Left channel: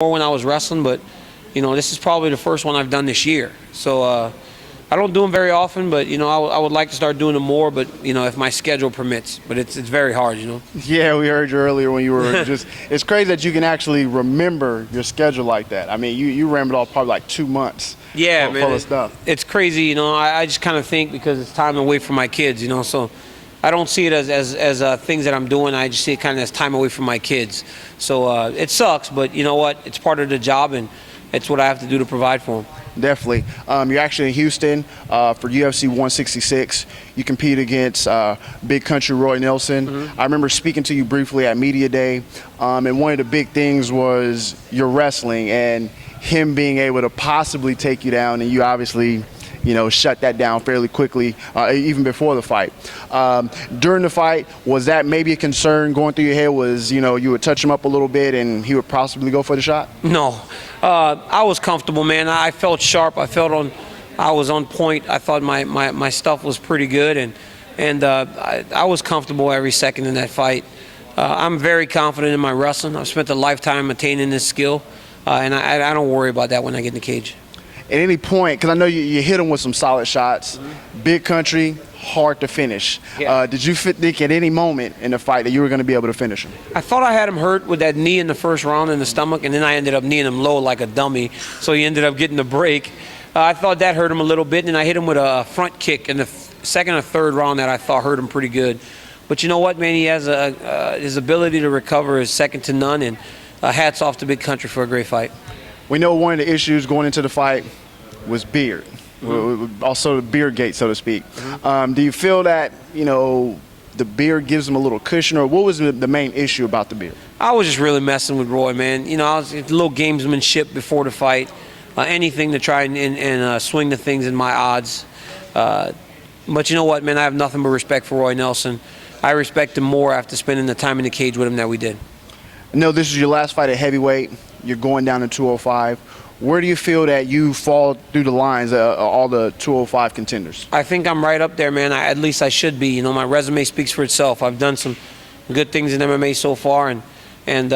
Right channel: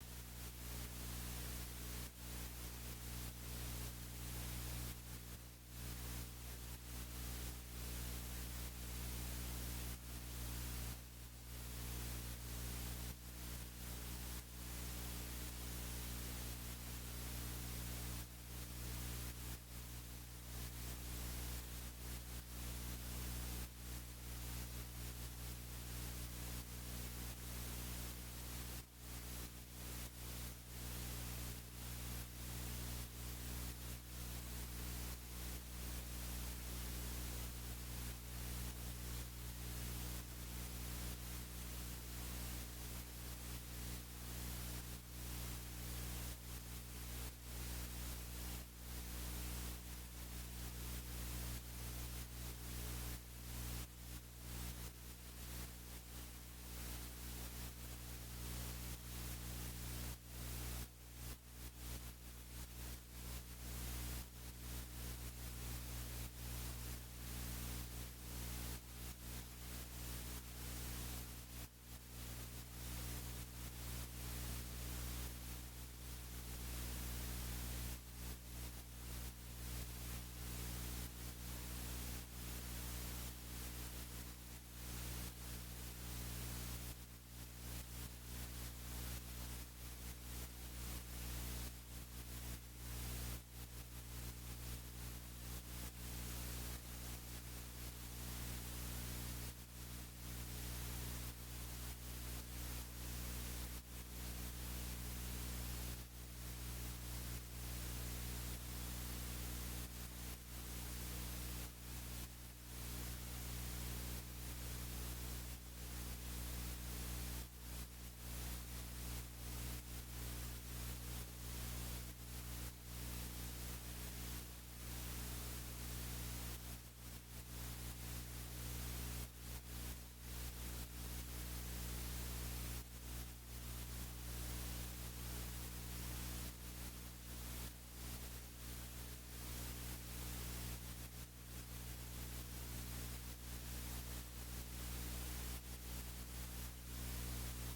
more when I was wrestling, but this is probably the first one I've done this year. So I don't do them very often, but I would like to start doing them more. But if my schedule permits, but it's very hard. Yeah, we heard you earlier when you were just. It's crazy that you can actually remember your schedule like that. I mean, you rammed off probably like 2 months. Yeah, man. Full of stuff. It's crazy. I just kind of think because it's time away from my kids. So I don't see it as things that I'm doing. I just see it kind of as time away from my kids. So it sucks, but you know what? It's part of the job, and it's what I have to do to provide for them. Definitely. You're actually in Houston for UFC 166. You compete against Big Country Roy Nelson. Mm-hmm. I remember speaking to you briefly at Media Day, and one of the big things was your wrestling and him being able to possibly take you down, and you obviously shut that down fairly quickly, even before the fight. During the fight, was that maybe a concern going through your head? Was, you would touch him up a little bit and he would possibly go for the shot? No. I was comfortable, man. I felt sharp. I was on point. I thought my stuff was pretty good, and I was comfortable every second in that fight. I'm very confident in my wrestling. I've spent a lifetime attaining this skill, and I don't worry about that when I get in the cage. At any point, because I know you hit him with some solid shots, Big Country, hard to finish. Yeah. Did you think at any moment in the fight that you were going to be able to finish him? I thought I had him hurt with that knee in the first round in the stomach, and then I ended up kneeing him low like a dummy, so he ended up getting the break. I thought that hurt him a little bit, and I hit him with a front kick in the second or third round that I thought hurt him pretty good. But you know what, man? He has his ability to recover is second to none, and hats off to Big Country for a great fight. We know one of the issues going into the fight was beard, also the beard gate, so to speak. Do you feel that the beard gives him a little cushion, or what was the main issue about the beard? I was just really messing with Roy, man. I was a little gamesmanship before the fight, anything to try and swing the things in my odds. But you know what, man? I have nothing but respect for Roy Nelson. I respect him more after spending the time in the cage with him that we did. No, this is your last fight at heavyweight. You're going down to 205. Where do you feel that you fall through the lines of all the 205 contenders? I think I'm right up there, man. At least I should be. My resume speaks for itself. I've done some good things in MMA so far, and